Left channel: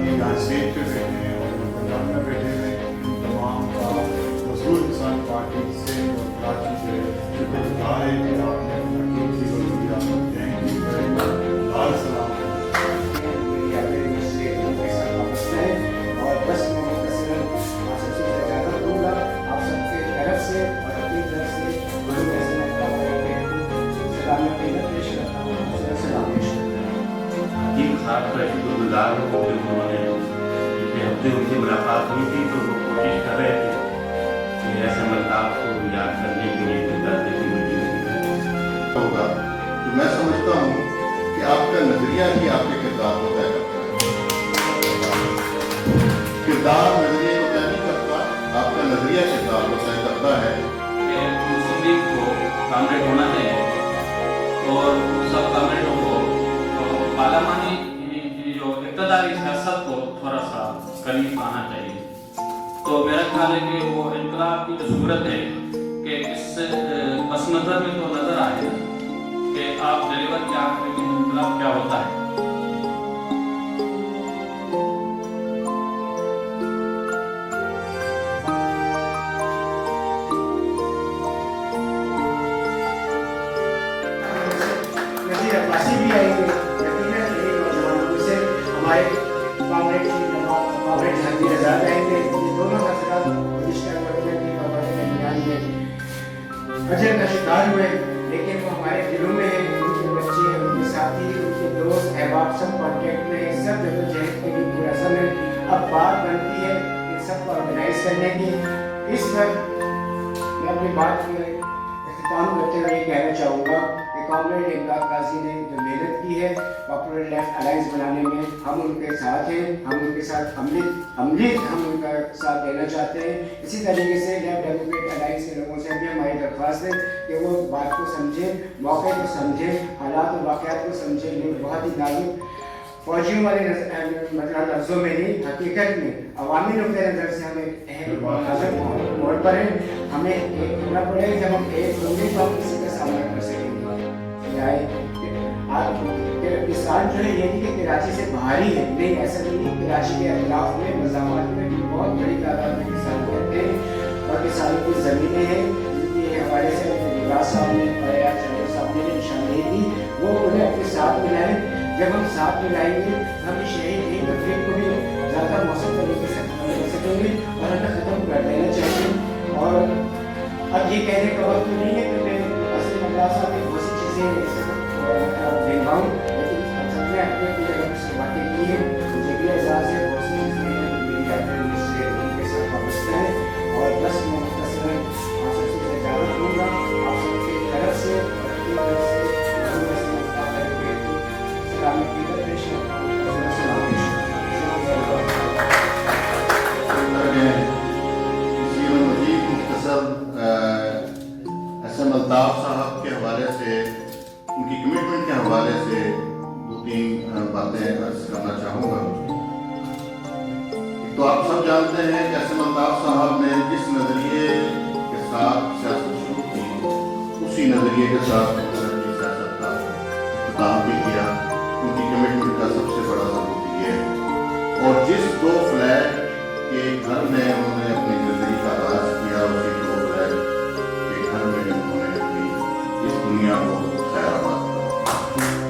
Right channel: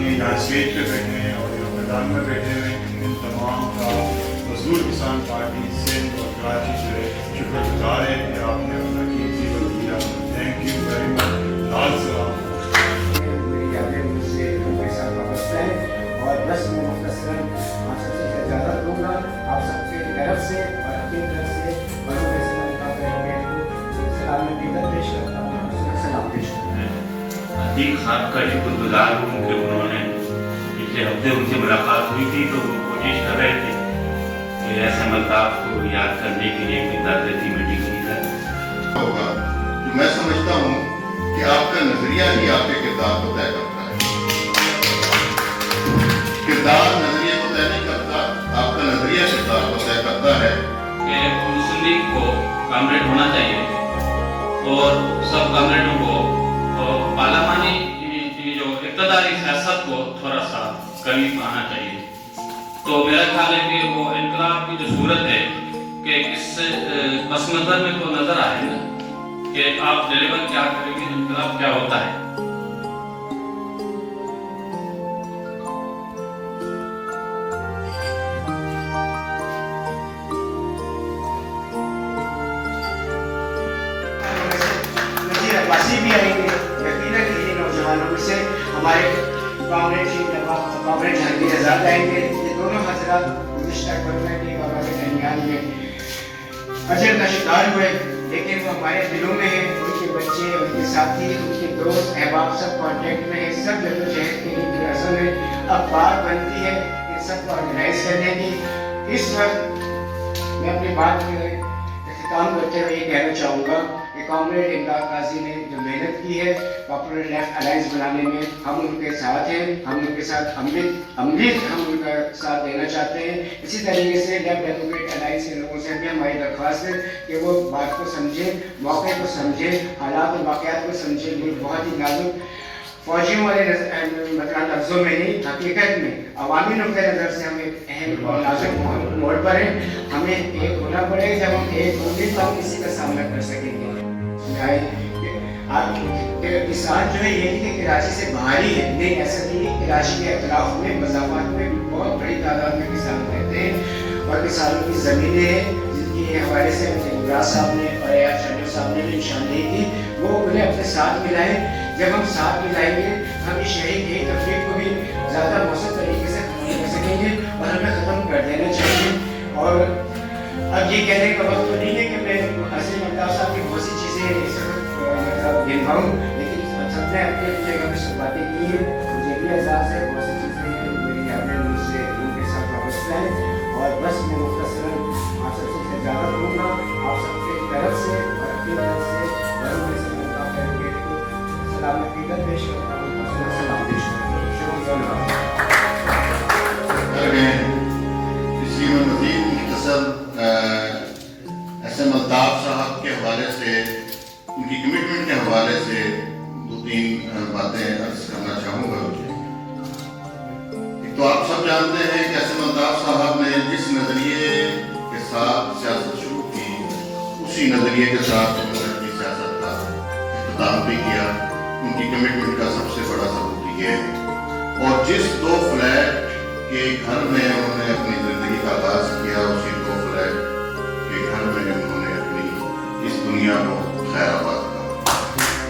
साथी हैं यहाँ स्टेज पे बैठे हैं और जो मैदान में बैठे हुए हैं, इन तमाम का मजदूर किसान पार्टी सिंध और कराची जो है शुक्रगुजार है कि आपने अपना कीमती वक्त दिया। Thank you very much. लाल सलाम। और बस मैं मुख्तसरन आप सबसे इजाज़त दूँगा, आप सबके तरफ से और अपनी तरफ से सलाम पेश करता हूँ। सलाम पेश करता हूँ। अतीक साहब का शुक्रगुजार हूँ कि उन्होंने पिछले हफ्ते उनसे मुलाकात हुई थी तो वो कोशिश कर रहे थे कि ऐसे मल्ताफ को याद करने के लिए कोई दादती मीटिंग की जाए होगा। तो मैं समझता हूँ कि आपका नजरिया ही आपके किरदार को तय करता है। किरदार नजरिए को तय नहीं करता, आपका नजरिया किरदार को तय करता है। कि मुस्लिम लीग को कामरेड होना चाहिए और सब कामरेडों को पार्लियामानी जो इक़्तिदारी सियासत को थोड़ा सा करीब आना चाहिए। तो मेरा ख्याल है कि वो इनकलाब की जो सूरत है कि इस पस नज़र में तो नज़र आए ना कि आप डिलीवर क्या करेंगे, इनकलाब क्या होता है। भी आएंगे यकीनन यही नौजवानों में से हमारे कामरेड जहांगीर आज़ाद आएंगे। ये दोनों हजरात गुज़िश्ता कोरोना की वबा के दरमियान में अजर का शिकार हुए, लेकिन वो हमारे दिलों में है। उनके बच्चे, उनके साथी, उनके दोस्त अहबाब सब कॉन्टेक्ट में है, सब जद्दोजहद के लिए रस्म है। अब बात बनती है इन सबको ऑर्गेनाइज करने की। इस वक्त मैं अपनी बात काम करते हुए ये कहना चाहूँगा कि कॉमरेड इमदाद गाजी ने जो मेहनत की है पॉपुलर लेफ्ट अलायंस बनाने में, हम उनके साथ हैं, हम उनके साथ अमली हम उनका साथ देना चाहते हैं। इसी तरीके से लेफ्ट डेमोक्रेट अलायंस के लोगों से भी हमारी दरख्वास्त है कि वो बात को समझें, मौके को समझें, हालात और वाक़यात को समझें। मुल्क बहुत ही नाजुक फौजियों वाले मतलब लफ्ज़ों में नहीं, हकीकत में अवामी नुक्ते नज़र से हमें अहम नाजुक मोड़ पर है। हमें एक होना पड़ेगा, जब हम एक होंगे तो हम किसी का सामना कर सकेंगे। किसान जो है ये नहीं कि कराची से बाहर ही है, नहीं, ऐसा नहीं है। कराची के अतराफ में मज़ाफ़ात में बहुत बड़ी तादाद में किसान रहते हैं और किसानों की ज़मीनें हैं जिनके हवाले से इमरान साहब ने और यार शरीफ साहब ने भी निशानदेही की, वो उन्हें अपने साथ मिलाएं। जब हम साथ मिलाएंगे हम इस शहीद की तकलीफ को भी ज़्यादा मौसम तरीके से खत्म कर सकेंगे और हमें ख़त्म कर देना चाहिए। और अब ये कहने का वक्त तो नहीं है कि मैं असीम अल्ताफ़ साहब की बहुत सी चीज़ें मतलब गिनवाऊँ, लेकिन सबने अपनी अपनी जगह पर शुरुआतें की हैं। मुझे भी एहसास है बहुत सी चीज़ें हैं मेरी यादें मुझसे उनके साथ वाबस्ता हैं। और बस मैं मुख्तसरन आप सबसे इजाज़त दूँगा, आप सबसे तरफ से और अपनी तरफ से सलाम पेश करता हूँ। सलाम पेश करता हूँ। इसलिए मैं मज़ीद मुख्तसर SM अल्ताफ़ साहब के हवाले से, उनकी कमिटमेंट के हवाले से 2-3 बातें अर्ज़ करना चाहूँगा। एक तो आप सब जानते हैं कि SM अल्ताफ़ साहब ने जिस नज़रिए के साथ सियासत शुरू की, उसी नज़रिए के साथ उन्होंने सियासत का इख्तिताम भी किया। उनकी कमिटमेंट का सबसे बड़ा सबूत ये है। और जिस 2 फ्लैट के घर में उन्होंने अपनी ज़िंदगी का आगाज़ किया, उसी 2 फ्लैट के घर में उन्होंने अपनी इस दुनिया को खैराबाद करा।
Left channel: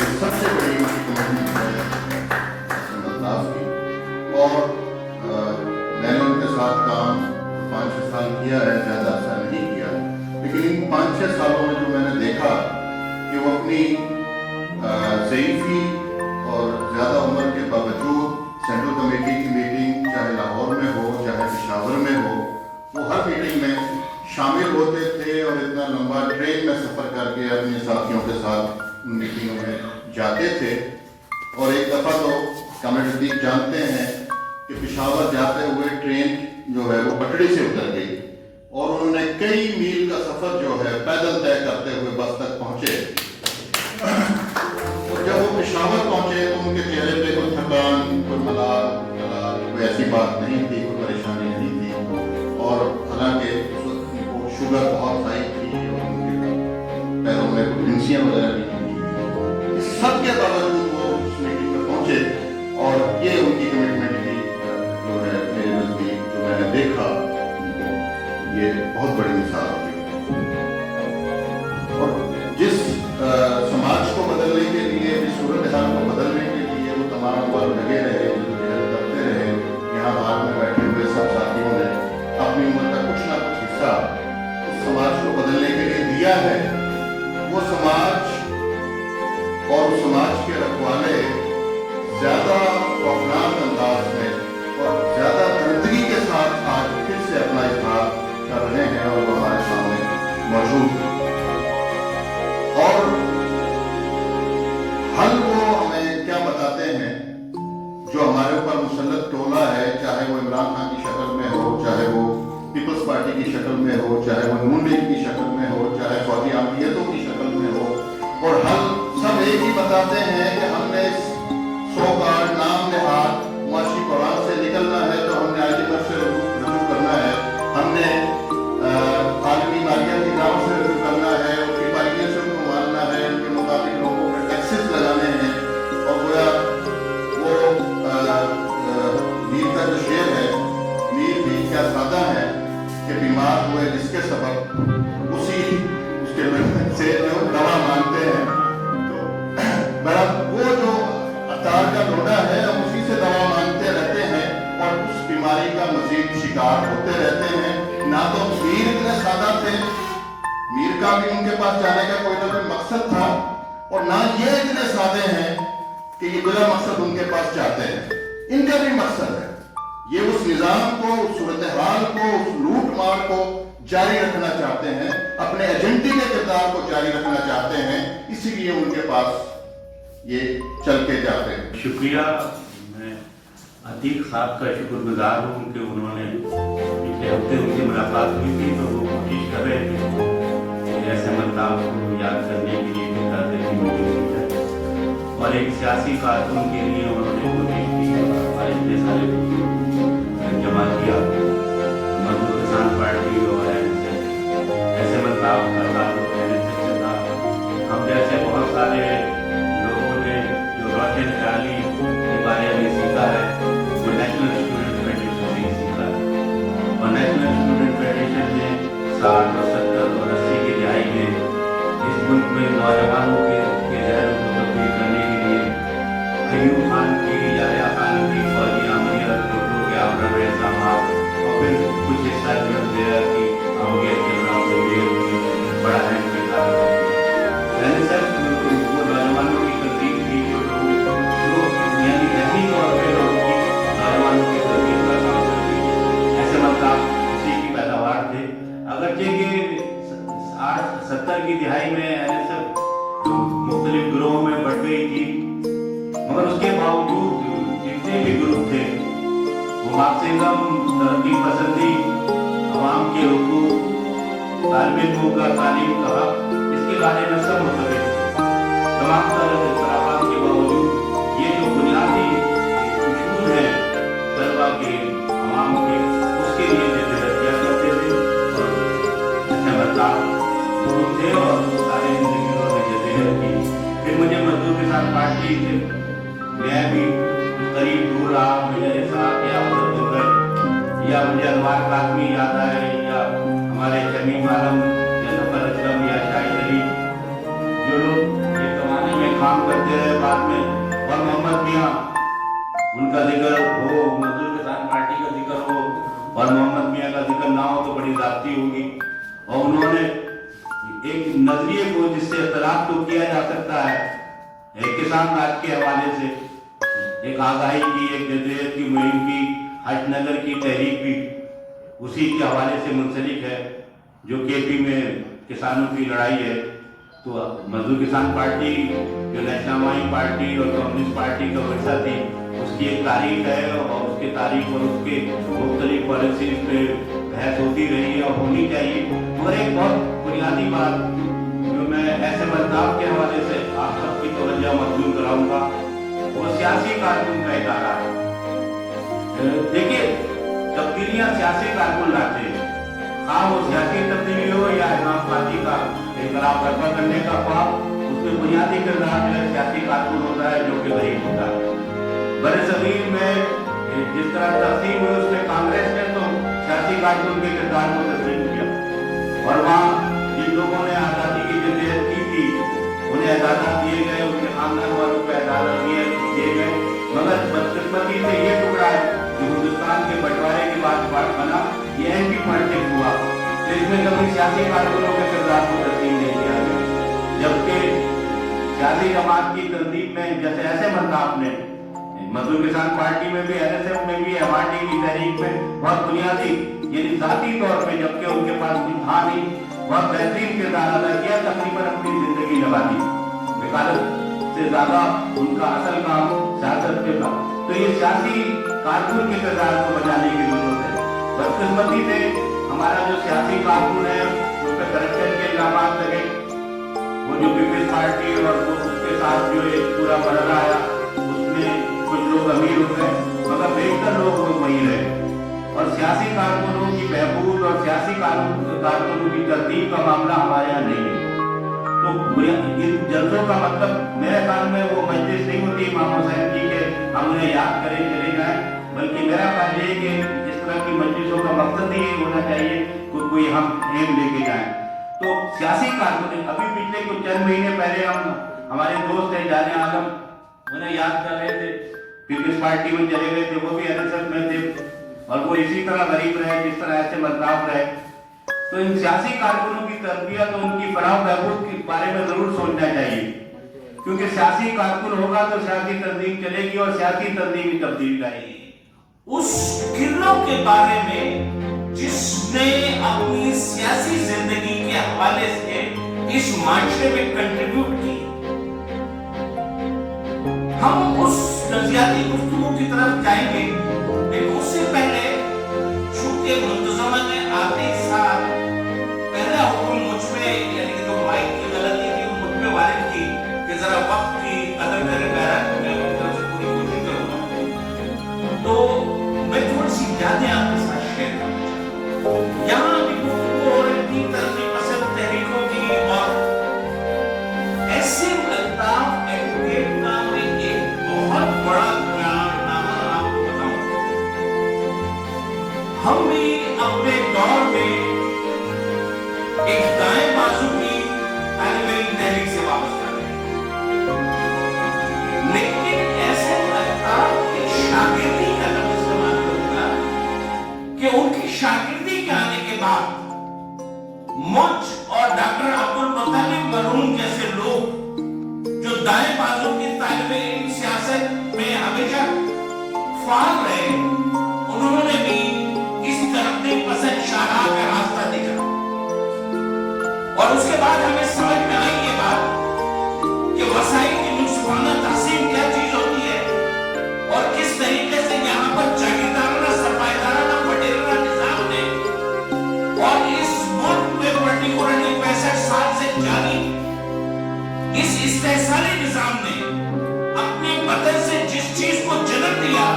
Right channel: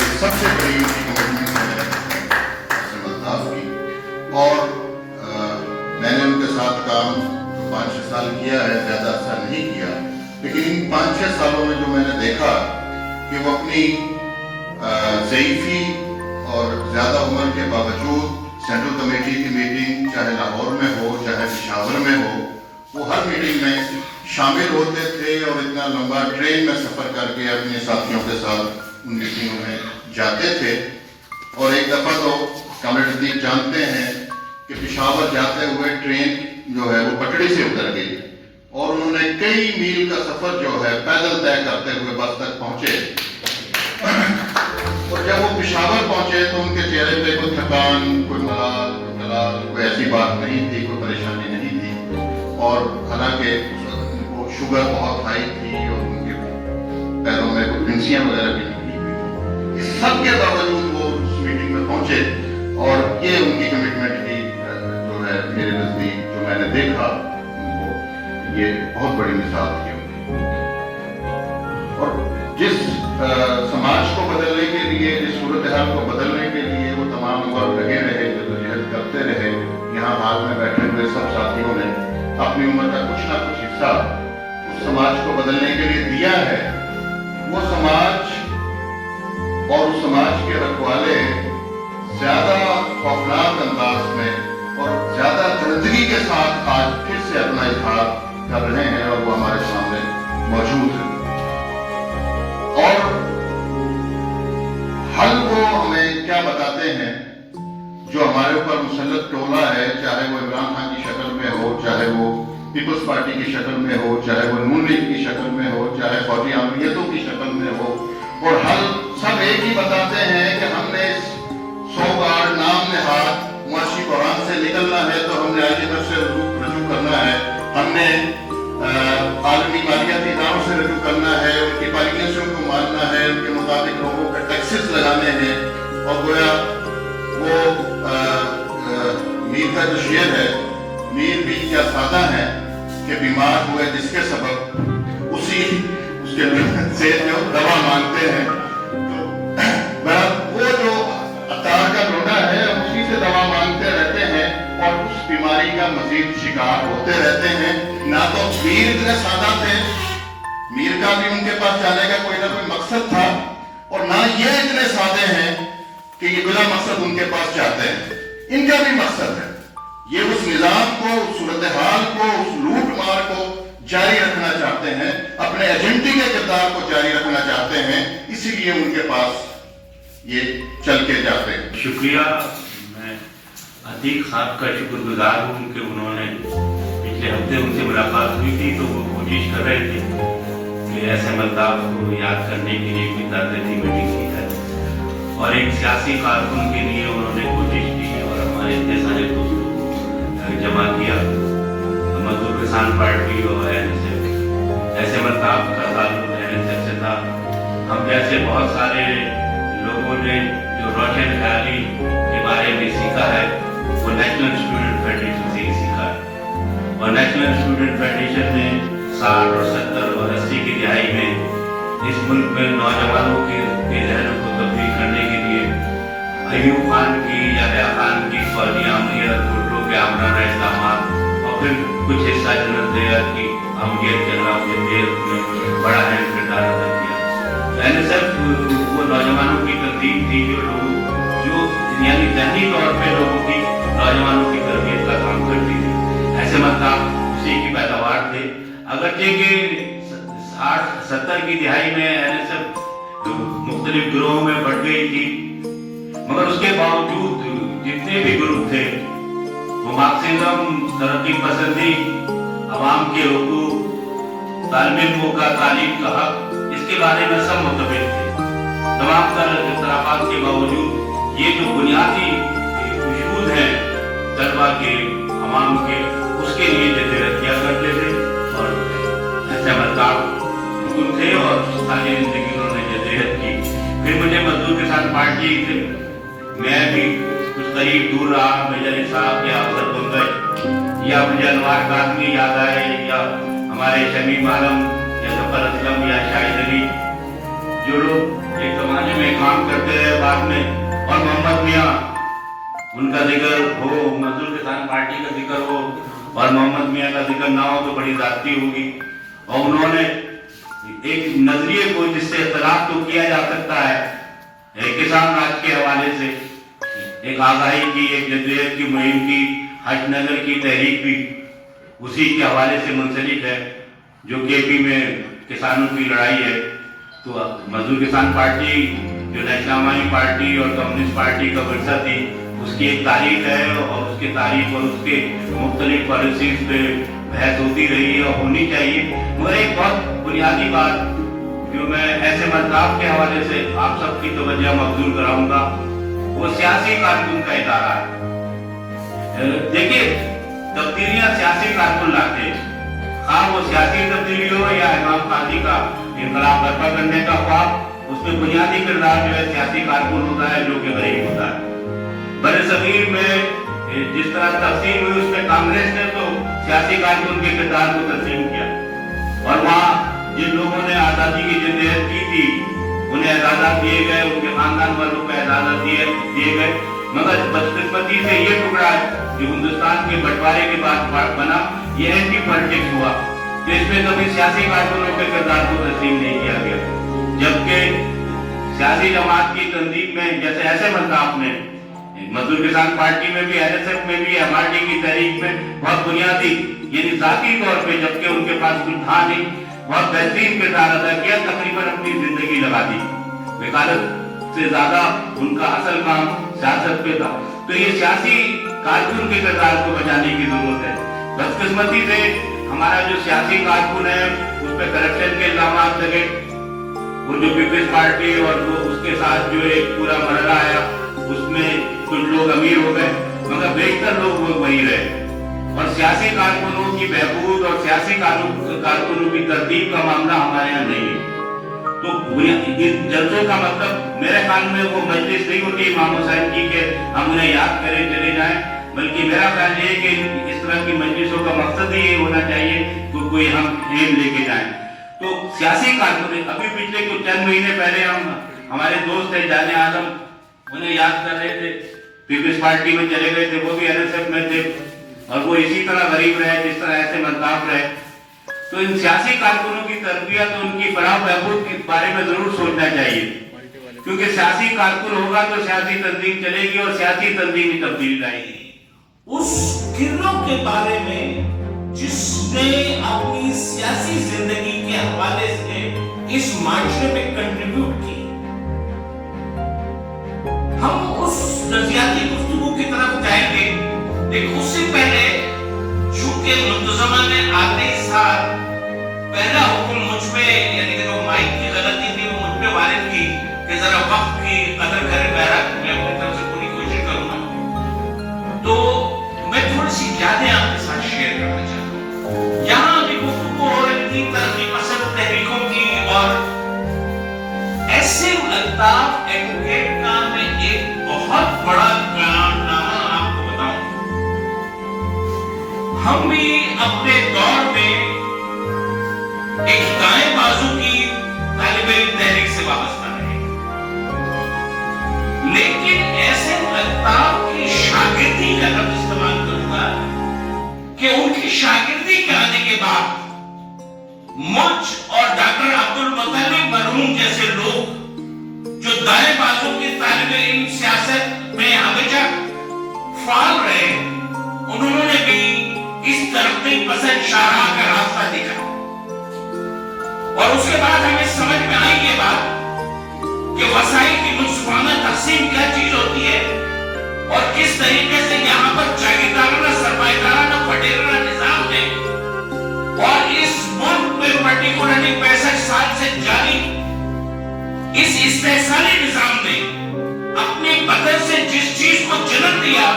ये सबसे बड़ी उनकी कमिटमेंट है SM अल्ताफ़ की। और मैंने उनके साथ काम 5-6 साल किया है, ज़्यादा अर्सा नहीं किया, लेकिन इन 5-6 सालों में जो मैंने देखा कि वो अपनी ज़ईफ़ी और ज़्यादा उम्र के बावजूद सेंट्रल कमेटी की मीटिंग चाहे लाहौर में हो चाहे पेशावर में हो, वो हर मीटिंग में शामिल होते थे और इतना लंबा ट्रेन में सफ़र करके अपने साथियों के साथ उन मीटिंगों में जाते थे। और एक दफ़ा तो कामरेड अतीक जानते हैं कि पेशावर जाते हुए ट्रेन जो है वो पटड़ी से उतर गई और उन्होंने कई मील का सफ़र जो है पैदल तय करते हुए बस तक पहुँचे। और जब वो पेशावर पहुंचे तो उनके चेहरे पे कोई थकान, कोई मलाल, कोई ऐसी बात नहीं थी, कोई परेशानी नहीं थी। और हालांकि उस वक्त उनको शुगर बहुत हाई थी और उनके पैरों में कोई फिंसियाँ वगैरह भी निकली हुई। इस सब के बावजूद वो उस मीटिंग में पहुंचे और ये उनकी कमिटमेंट देखा, ये बहुत बड़ी मिसाल थी उनकी। और जिस समाज को बदलने के लिए, जिस सूरत हाल को बदलने के लिए वो तमाम उम्र लगे रहे, जद्दोजहद करते रहे, यहाँ हाल में बैठे हुए सब साथियों ने अपनी उम्र का कुछ ना कुछ हिस्सा उस समाज को बदलने के लिए दिया है। वो समाज और उस समाज के रखवाले ज्यादा खौफनाक अंदाज में और ज्यादा दर्दगी के साथ आज फिर से अपना इजहार कर रहे हैं और वो हमारे सामने मौजूद है। और हल वो हमें क्या बताते हैं, जो हमारे ऊपर मुसल्लत टोला है, चाहे वो इमरान खान की शक्ल में हो, चाहे वो पीपल्स पार्टी की शक्ल में हो, चाहे वो नून लीग की शक्ल में हो, चाहे फौजी आमियतों की शक्ल में हो, और हल सब एक ही बताते हैं कि हमने 100 बार नाम नहाद मुआशी कुरान से निकलना है तो हमने आलिमत से रजू करना है, हमने आलमी मालियाती नाम से रजू करना है, उनकी पॉलिसियों को मानना है, उनके मुताबिक लोगों पर टैक्सेस लगाने हैं। और गोया वो मीर का जो शेर है, मीर भी क्या सादा है कि बीमार हुए जिसके सबब उसी उसके से जो दवा मांगते हैं, तो वो जो अतार का लोटा है उसी से दवा मांगते रहते हैं और उस बीमारी का मजीद शिकार होते रहते हैं। ना तो मीर इतने सादा थे, मीर का भी उनके पास जाने का कोई ना कोई मकसद था, और ना ये इतने सादे हैं कि ये बिला मकसद उनके पास जाते हैं। इनका भी मकसद है, ये उस निजाम को, उस सूरत हाल को, उस लूट मार को जारी रखना चाहते हैं, अपने एजेंटी के किरदार को जारी रखना चाहते हैं, इसीलिए उनके पास ये चल के जाते हैं। शुक्रिया, मैं अतीक साहब का शुक्रगुजार हूँ कि उन्होंने पिछले हफ्ते उनसे मुलाकात हुई थी तो वो कोशिश कर रहे थे कि ऐसे अल्ताफ को याद करने के लिए कोई ताज़ी मीटिंग की जाए, और एक सियासी कारकुन के लिए उन्होंने कोशिश की और हमारे इतने सारे दोस्तों को जमा किया। मजदूर किसान पार्टी और ऐसे अल्ताफ का ताल्लुक NSF से था। हम जैसे बहुत सारे लोगों ने जो रोशन ख्याली के बारे में सीखा है वो नेशनल स्टूडेंट फेडरेशन से ही सीखा है, और नेशनल स्टूडेंट फेडरेशन ने 60 और 70 और 80 की दिहाई में इस मुल्क में नौजवानों के जहनों को तब्दील करने के लिए अयूब खान की, याहया खान की फौजी आमियत, भुट्टो के आमराना इस्लामाबाद और फिर कुछ हिस्सा जनरल दयाल की आमियत के अलावा में बड़ा अहम किरदार अदा किया। NSF वो नौजवानों की तकलीफ थी जो यानी जहनी तौर पे लोगों की, नौजवानों की तरबियत का काम करती थी। ऐसे मतलब उसी की पैदावार थे। अगरचे कि 60-70 की दिहाई में NSF मुख्तलिफ गिरोहों में बढ़ गई थी, मगर उसके बावजूद जितने भी ग्रुप थे वो मार्क्सिज्म, तरक्की पसंदी, अवाम के हुकूक, तालिब इल्मों का, तालीम का हक, इसके बारे में सब मुतफिक थे। तमाम तरह इख्तिलाफात के बावजूद ये जो बुनियादी इशूज हैं तलबा के, अवाम के, उसके लिए जद्दोजहद किया करते थे और ऐसे मतलब थे और सारी जिंदगी उन्होंने जद्दोजहद की। फिर मुझे मजदूर किसान पार्टी से मैं भी कुछ करीब दूर रहा, मेजर साहब के अफसर बन गए, या मुझे अनवार कादमी याद आए, या हमारे शमीम आलम या जफर असलम या शाहिद अली, जो लोग एक जमाने में काम करते रहे बाद में, और मोहम्मद मियाँ, उनका जिक्र हो, मजदूर किसान पार्टी का जिक्र हो और मोहम्मद मियाँ का जिक्र ना हो तो बड़ी जाती होगी। और उन्होंने एक नजरिए को जिससे इख्तिलाफ तो किया जा सकता है, एक किसान राज के हवाले से एक आगाही की, एक जद्दोजहद की मुहिम की, हजनगर की तहरीक भी उसी के हवाले से मुंसलिक है, जो KP में किसानों की लड़ाई है। तो मजदूर किसान पार्टी जो नेशनल पार्टी और कम्युनिस्ट पार्टी का वर्षा थी, उसकी एक तारीख है और उसके तारीख और उसके मुख्तलिफ पॉलिसीज पे बहस होती रही है और होनी चाहिए। मगर एक बहुत बुनियादी बात जो मैं ऐसे मतलब के हवाले से आप सबकी तवज्जो मबजूल कराऊंगा, वो सियासी कारकुन का इदारा है। देखिए, तब्दीलियां सियासी कारकुन लाते हैं, खास वो सियासी तब्दीली हो या इमाम पार्टी का इनकलाब बर्पा करने का ख्वाब, उसमें बुनियादी किरदार जो है सियासी कारकुन होता है, जो कि गरीब होता है। बड़े सगीर में जिस तरह तकसीम हुई उसमें कांग्रेस ने तो सियासी कारकुन के किरदार को तस्लीम किया और वहाँ जिन लोगों ने आज़ादी की जद्दोजहद की थी उन्हें एजाज़त दिए गए, उनके खानदान वालों को एजाज़त दिए गए, मगर बदकिस्मती से ये टुकड़ा जो हिंदुस्तान के बंटवारे के बाद बना, ये एंटी पॉलिटिक्स हुआ, तो इसमें कभी सियासी कारकुनों के किरदार को तस्लीम नहीं किया गया। जबकि सियासी जमात की तंजीम में जैसे ऐसे मल्ताफ ने मजदूर किसान पार्टी में भी, NSF में भी, MRD की तहरीक में बहुत बुनियादी यानी जाती तौर पे, जबकि उनके पास कुछ था नहीं, बहुत बेहतरीन किरदार अदा किया, तकरीबन अपनी जिंदगी लगा दी। वकालत से ज्यादा उनका असल काम सियासत पे था। तो ये सियासी कारकुन के किरदार को बचाने की जरूरत है। बदकिस्मती से हमारा जो सियासी कारकुन है उस पर करप्शन के इल्जाम लगे, वो जो पीपल्स पार्टी और वो उसके साथ जो एक पूरा मरला आया, उसमें कुछ लोग अमीर हो गए मगर बेहतर लोग वही रहे। और सियासी कारकुनों की बहबूद और सियासी कारकुनों की तरतीब का मामला हमारे यहाँ नहीं है। तो इन जलसों का मतलब मेरे ख्याल में वो मजलिस नहीं होती इमाम हुसैन की कि हम उन्हें याद करें चले जाएं, बल्कि मेरा ख्याल ये कि इस तरह की मजलिसों का मकसद ही ये होना चाहिए कि कोई हम एम लेके जाएं। तो सियासी कारकुन अभी पिछले कुछ चंद महीने पहले हमारे दोस्त है जाने आदम, उन्हें याद कर रहे थे, पीपल्स पार्टी में चले गए थे, वो भी NSF में थे और वो इसी तरह गरीब रहे जिस तरह ऐसे मजदाफ रहे। तो इन सियासी कारकुनों की तरबियत और उनकी फलाह बहबूद के बारे में जरूर सोचना चाहिए, क्योंकि सियासी कारकुन होगा तो सियासी तंजीम चलेगी और सियासी तंजीम में तब्दीली लाएगी। उस गिरलों के बारे में जिसने अपनी सियासी जिंदगी के हवाले से इस माशरे में कंट्रीब्यूट की, हम उस नजरियाती गुफ्तगू की तरफ जाएंगे, लेकिन उससे पहले चूंकि मुंतजमा ने आते ही साल पहला हुक्म मुझ पे, यानी कि जो माइक की गलती थी वो मुझ पे वारिद की कि जरा वक्त की कदर करें, मैं अपनी तरफ से पूरी कोशिश करूंगा। तो मैं थोड़ी सी यादें आपके साथ शेयर करना चाहता हूँ। यहाँ भी गुफ्तगू हो रही थी तरक्की पसंद तहरीकों की, और ऐसे अल्ताफ एडवोकेट का मैं एक बहुत बड़ा कारनामा आपको बताऊं। हम भी अपने दौर में एक दाएं बाजू की तालिब इल्म तहरीक से वाबस्ता रहे, लेकिन ऐसे अल्ताफ की शागिर्दी का लफ्ज इस्तेमाल करूंगा कि उनकी शागिर्दी के आने के बाद मुझ और डॉक्टर अब्दुल मुत्तलिब मरहूम जैसे लोग जो दाएं बाजू की तालिब इल्म सियासत में हमेशा फाल रहे, उन्होंने भी इस तरक्की पसंद शाहराह का रास्ता दिखा। और उसके बाद हमें समझ में आई ये बात कि वसाइल की मुनसिफाना तकसीम क्या चीज होती है और किस तरीके से यहाँ पर जागीरदाराना सरमाएदाराना वडेराना निजाम ने और इस मुल्क में पर्टिकुलरली 65 साल से जारी इस इस्तेहसाली निजाम ने अपने बदन से जिस चीज को जन्म दिया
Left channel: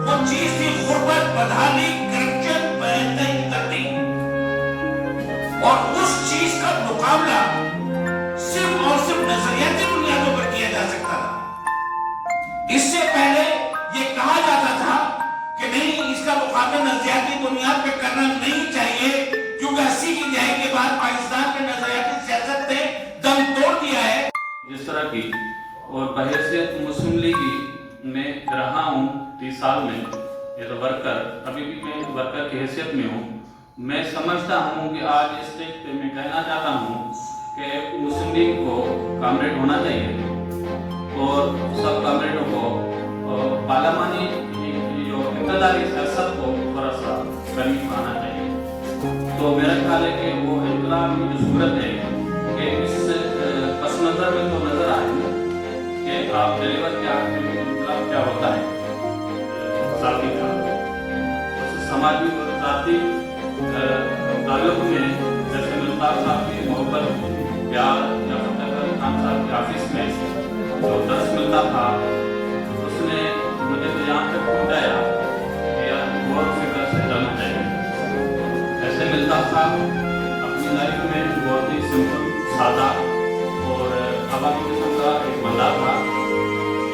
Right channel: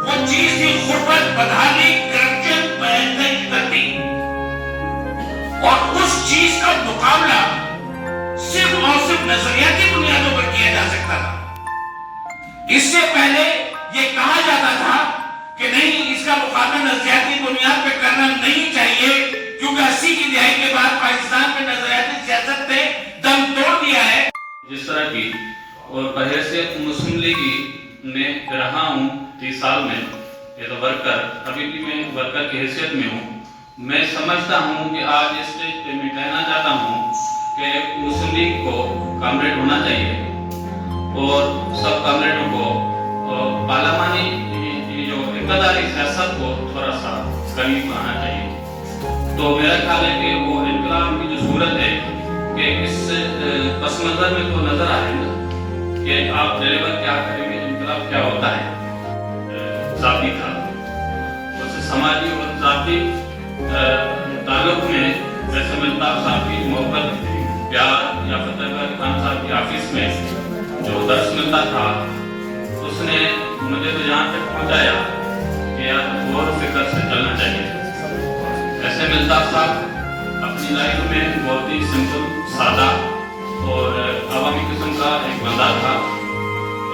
वो चीज थी गुर्बत, बदहाली, करप्शन, बेइज्जती, और उस चीज का मुकाबला सिर्फ और सिर्फ नजरियाती बुनियादों पर किया जा सकता था। इससे पहले ये कहा जाता था कि नहीं, इसका मुकाबला नजरियाती बुनियाद पर करना नहीं चाहिए, क्योंकि 80 की दहाई के बाद पाकिस्तान में नजरियाती सियासत ने दम तोड़ दिया है। जिस तरह की और बहैसियत मुस्लिम लीगी में रहा हूँ 30 साल में, ये तो वर्कर, अभी भी मैं वर्कर की हैसियत में हूँ। मैं समझता हूँ कि आज इस स्टेज पे मैं कहना चाहता हूँ कि मुस्लिम लीग को कामरेड होना चाहिए और सब कामरेडों को पार्लियामानी जो इक़्तिदारी सियासत को थोड़ा सा करीब आना चाहिए। तो मेरा ख्याल है कि वो इनकलाब की जो सूरत है कि इस पस नज़र में तो नज़र आए ना कि आप डिलीवर क्या करेंगे, इनकलाब क्या होता है, जाती था उस समाजी और जाती ताल्लुक में, जैसे मिल्ताब साहब की मोहब्बत, प्यार या फतेह अली खान साहब की ऑफिस में जो दर्स मिलता था, उसने मुझे तो यहाँ तक पहुँचाया कि यार गौर फिक्र से चलना चाहिए। ऐसे मिल्ताब साहब अपनी लाइफ में बहुत ही सिंपल, सादा और अवामी किस्म का एक बंदा था।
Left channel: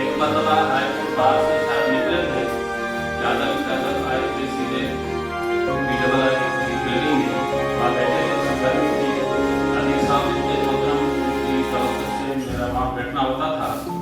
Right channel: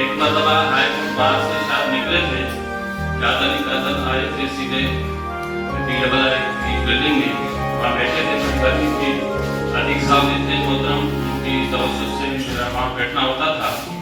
एक मरतबा हाई कोर्ट बाहर से शायद निकले थे, पैदल ही पैदल आए थे सीधे PII की बिल्डिंग में वहाँ बैठे थे, मैं गर्मी थी, अदीक साहब इतने मोहतरम उनकी तवज्जो से मेरा वहाँ बैठना होता था।